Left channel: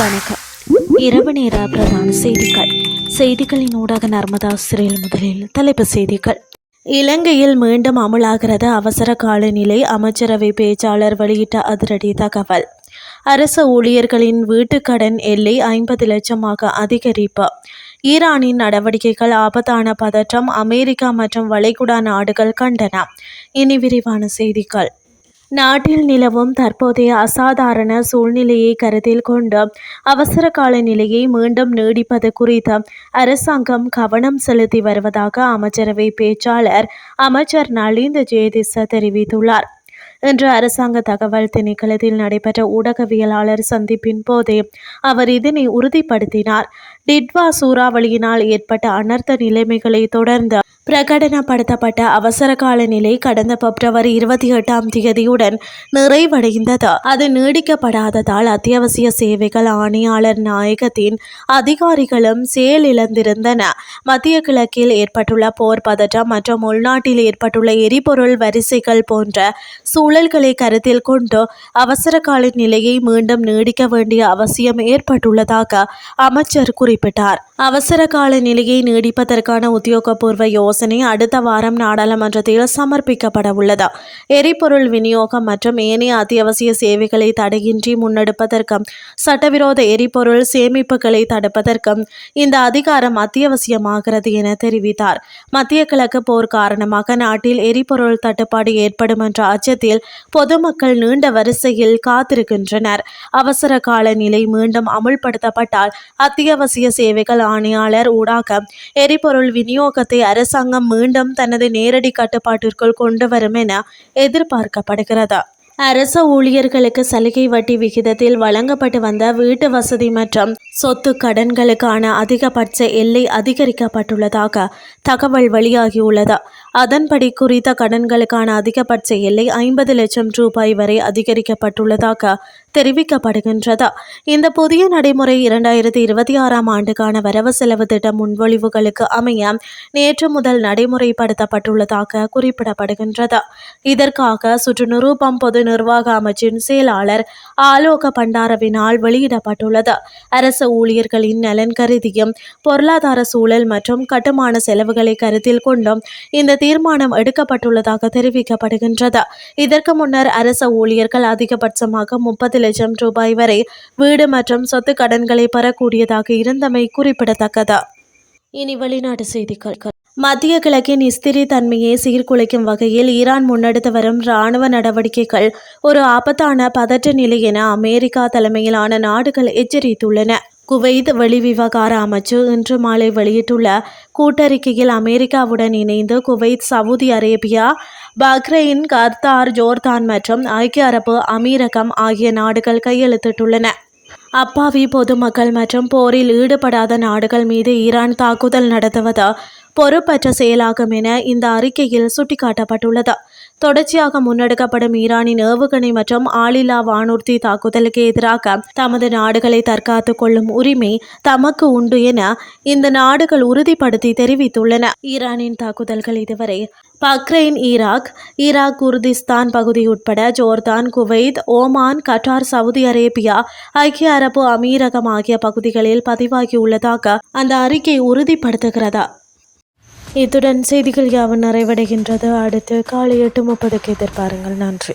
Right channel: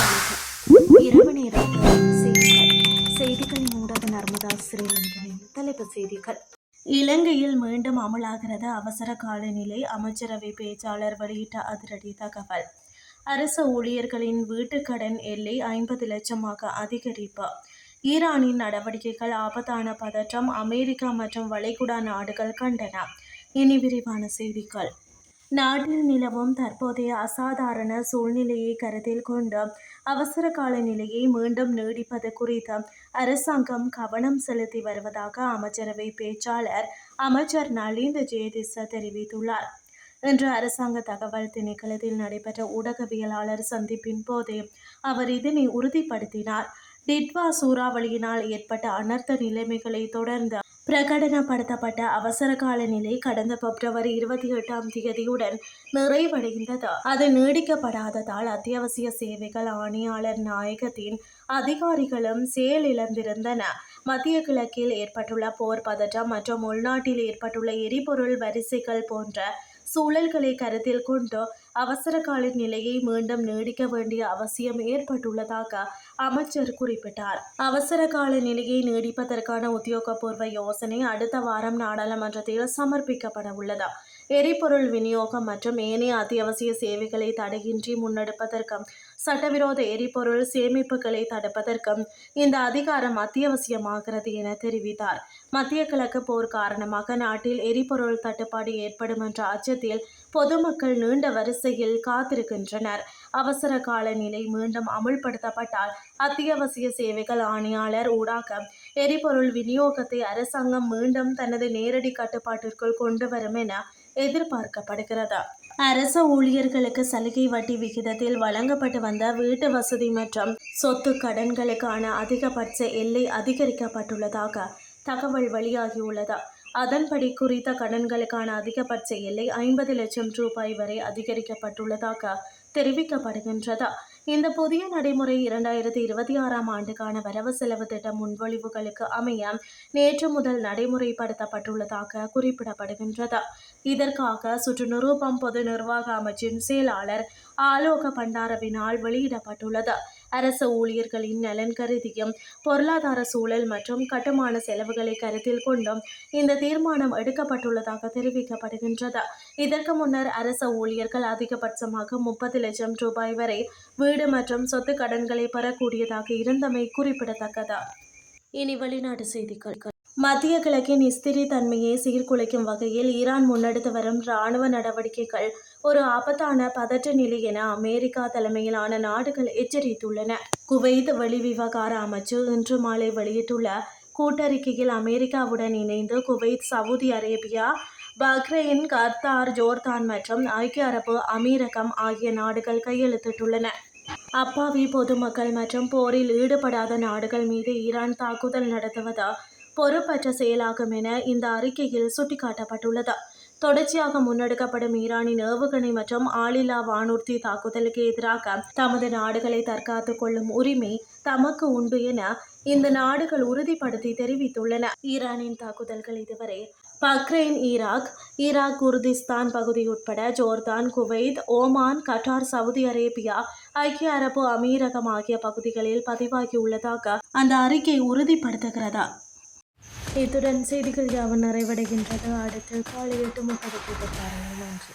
வணக்கம். இரவு நேர பிரதான செய்திகளின் ஊடாக நர்மதா சிறையில் முதலில் தலைப்புச் செய்திகள். இலங்கையில் மீண்டும் அமலாகிறது அவசர காலநிலை. அமைச்சரவை பேச்சாளர் வெளியிட்ட அதிரடி தகவல். அரசு ஊழியர்களின் வீட்டுக்கடன் எல்லை 50 லட்சமாக அதிகரிப்பு. ஈரானின் நடவடிக்கைகள் ஆபத்தான பதற்றம். அமெரிக்கா மற்றும் வளைகுடா நாடுகள் கண்டனம். இனி விரிவான செய்திகள். நாட்டில் நிலவும் தற்போதைய அசாதாரண சூழ்நிலையை கருத்தில் கொண்டு அவசர கால நிலையை மீண்டும் நீடிப்பது குறித்து அரசாங்கம் கவனம் செலுத்தி வருவதாக அமைச்சரவை பேச்சாளர் அமைச்சர் நலிந்த ஜேதிச தெரிவித்துள்ளார். இன்று அரசாங்க தகவல் திணைக்களத்தில் நடைபெற்ற ஊடகவியலாளர் சந்திப்பின் போதே அவர் இதனை உறுதிப்படுத்தினார். டிட்வா சூறாவளியினால் ஏற்பட்ட அனர்த்த நிலைமைகளை தொடர்ந்து பிரகடனப்படுத்தப்பட்ட அவசர கால நிலை கடந்த பிப்ரவரி 28ஆம் தேதியுடன் நிறைவடைந்தது. அது நீடிக்கப்படாததால் அத்தியாவசிய சேவைகள் ஆணையாளர் நாயகத்தின் அதிகாரிகளும் செயலிழந்திருந்தன. மத்திய கிழக்கில் ஏற்பட்டுள்ள போர் பதற்றம் மற்றும் உள்நாட்டில் ஏற்பட்டுள்ள எரிபொருள் வரிசைகள் போன்ற சூழல்களை கருத்தில் கொண்டு அவசர கால நிலையை மீண்டும் நீடிக்க வேண்டிய அவசியம் ஏற்பட்டுள்ளதாக அமைச்சர் குறிப்பிட்டார். அவசர கால நிலையை நீடிப்பதற்கான உத்தியோகபூர்வ யோசனை அடுத்த வாரம் நாடாளுமன்றத்தில் சமர்ப்பிக்கப்பட உள்ளது. எரிபொருள் விநியோகம் மற்றும் ஏனைய அத்தியாவசிய சேவைகளை தடையின்றி முன்னெடுப்பதற்கும் சட்டவிரோத எரிபொருள் சேமிப்புகளை தடுப்பதற்கும் இந்த அதிகாரம் அத்தியாவசியமாகிறது என தெரிவித்தார். மத்திய கிழக்கு போர் காரணமாக நாட்டில் எரிபொருள் தட்டுப்பாடு ஏற்படும் என்ற அச்சத்தில் பொதுமக்கள் நீண்ட வரிசையில் காத்திருக்கின்றனர். அவசர கால நிலை மீண்டும் அமுல்படுத்தப்பட்டால் அத்தியாவசிய சேவைகள் ஆணையாளர் ஊடாக எரிபொருள் விநியோகத்தை அரசாங்கம் மீண்டும் தனது நேரடி கட்டுப்பாட்டிற்குள் கொண்டு வரும் என எதிர்பார்க்கப்படுகிறது. அரசு ஊழியர்களுக்கு சலுகை வட்டி விகிதத்தில் வழங்கப்பட்டு வந்த வீட்டு வசதி மற்றும் சொத்து கடன்களுக்கான அதிகபட்ச எல்லை அதிகரிக்கப்பட்டுள்ளதாக தகவல் வெளியாகியுள்ளது. அதன்படி குறித்த கடன்களுக்கான அதிகபட்ச எல்லை 50 லட்சம் ரூபாய் வரை அதிகரிக்கப்பட்டுள்ளதாக தெரிவிக்கப்படுகின்றது. இந்த புதிய நடைமுறை 2026ஆம் ஆண்டுக்கான வரவு செலவு திட்ட முன்மொழிவுகளுக்கு அமைய நேற்று முதல் நடைமுறைப்படுத்தப்பட்டுள்ளதாக குறிப்பிடப்படுகின்றது. இதற்காக சுற்றுநிரூபம் பொது நிர்வாக அமைச்சின் செயலாளர் ஆலோக பண்டாரவினால் வெளியிடப்பட்டுள்ளது. அரசு ஊழியர்களின் நலன் கருதியும் பொருளாதார சூழல் மற்றும் கட்டுமான செலவுகளை கருத்தில் கொண்டும் இந்த தீர்மானம் எடுக்கப்பட்டுள்ளதாக தெரிவிக்கப்படுகின்றது. இதற்கு முன்னர் அரசு ஊழியர்கள் அதிகபட்சமாக 30 லட்சம் ரூபாய் வரை வீடு மற்றும் சொத்து கடன்களை பெறக்கூடியதாக இருந்தமை குறிப்பிடத்தக்கது. இனி வெளிநாட்டு செய்திகள். மத்திய கிழக்கின் ஸ்திர தன்மையை சீர்குலைக்கும் வகையில் ஈரான் முன்னெடுத்து வரும் இராணுவ நடவடிக்கைகள் ஒரு ஆபத்தான பதற்ற நிலை என அமெரிக்கா தலைமையிலான நாடுகள் எச்சரித்துள்ளன. குவைத் வெளிவிவகார அமைச்சு இன்று மாலை வெளியிட்டுள்ள கூட்டறிக்கையில் அமெரிக்காவுடன் இணைந்து Kuwait, Saudi Arabia, Bahrain, Qatar, Jordan மற்றும் ஐக்கிய அரபு அமீரகம் ஆகிய நாடுகள் கையெழுத்திட்டுள்ளன. அப்பாவி பொதுமக்கள் மற்றும் போரில் ஈடுபடாத நாடுகள் மீது ஈரான் தாக்குதல் நடத்துவது பொறுப்பற்ற செயலாகும் என இந்த அறிக்கையில் சுட்டிக்காட்டப்பட்டுள்ளது. தொடர்ச்சியாக முன்னெடுக்கப்படும் ஈரானின் ஏவுகணை மற்றும் ஆளில்லா வானூர்தி தாக்குதலுக்கு எதிராக தமது நாடுகளை தற்காத்துக் கொள்ளும் உரிமை தமக்கு உண்டு என இந்த நாடுகள் உறுதிப்படுத்தி தெரிவித்துள்ளன. ஈரானின் தாக்குதல்கள் இதுவரை பஹ்ரைன், ஈராக், குர்திஸ்தான் பகுதி உட்பட Jordan, Kuwait, Oman, Qatar, Saudi Arabia, ஐக்கிய அரபு அமீரகம் ஆகிய பகுதிகளில் பதிவாகியுள்ளதாக அந்த அறிக்கை உறுதிப்படுத்துகிறது. இத்துடன் செய்திகள் யாவும் நிறைவடைகின்றது. அடுத்து காலை 8:30க்கு எதிர்பாருங்கள். நன்றி.